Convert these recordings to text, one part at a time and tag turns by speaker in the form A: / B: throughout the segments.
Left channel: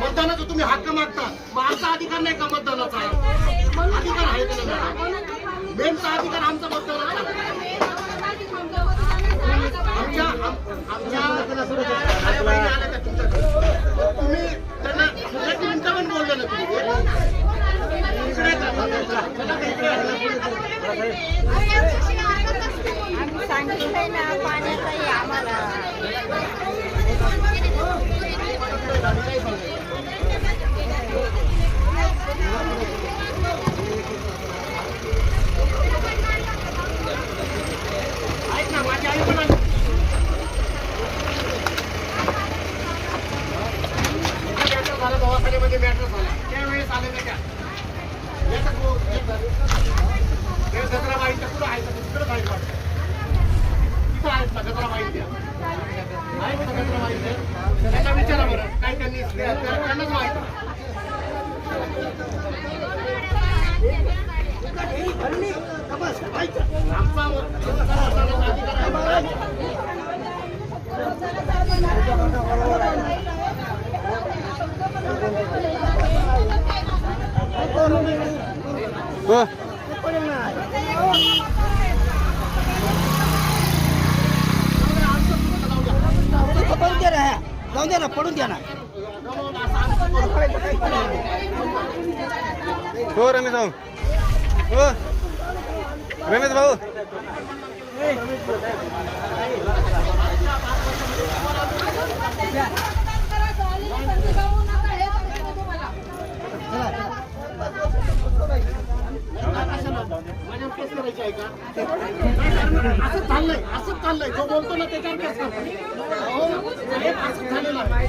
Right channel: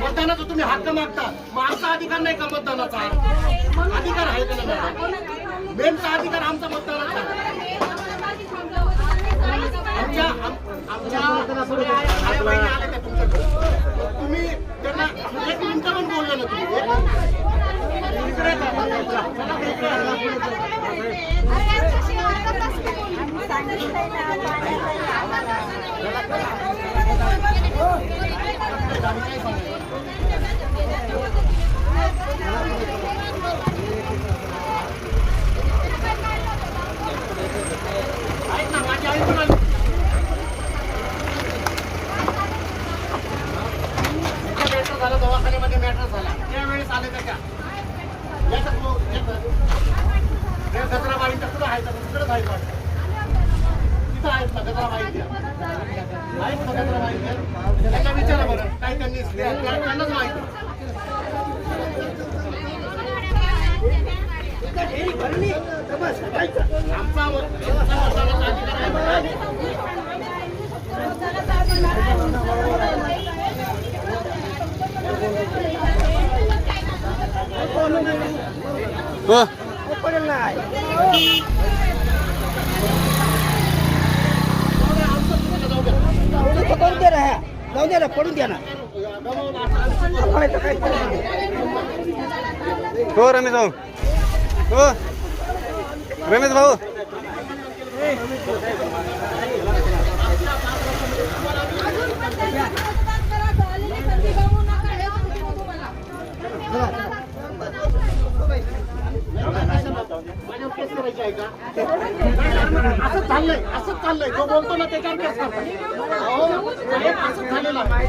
A: मतदानाचा तुम्ही हक्क मागता. मग आमचा अधिकार नाही का मतदानाचा? अधिकार आहे का नाही? मेनचा अधिकार आमचा मतदानाचा दवाखान्यामध्ये मॅटर झाला त्यावेळेस आले का तिथं आहेत ना गजराबाई त्या आहेत ना गजराबाई त्या? त्यांना विचारा बरं काय त्यांनी त्यांनाच माहिती आमचा
B: हो
C: पडून द्या ना
B: हो रमेश भाऊ. हो. रमेश भाऊ.
A: असंच चाललंय असंच चाललंय जो बोलतो ना त्याच्यावर केस करतात. अहो, साहेब, असंच झालेलं आहे.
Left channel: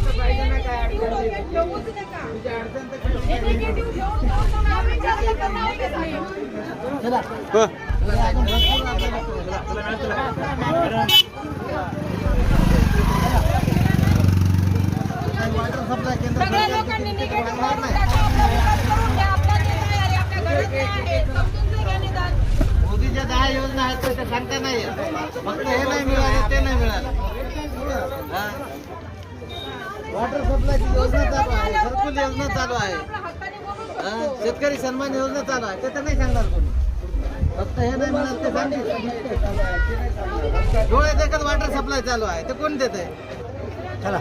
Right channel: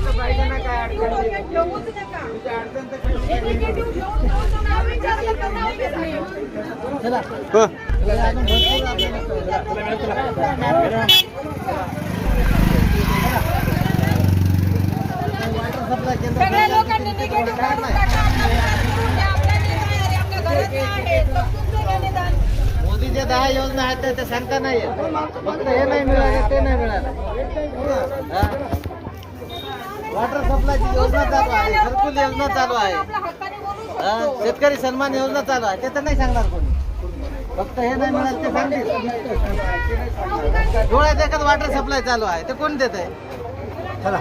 C: योजना आहेत त्या- सांगता नाही फक्त हे नाही मिळाले ते नाही मिळाले. वॉटर सप्लायची योजना चालू आहे घरकुल योजना चालू आहे. शेतकरी सन्मान योजना चालू आहे ते तर नाही सांगणार कोणी. फक्त हे नाही मिळालं ते सांगतील. डोळ्यात एकच वॉटर सप्लाय चालू आहे ते कोण देत आहे चला.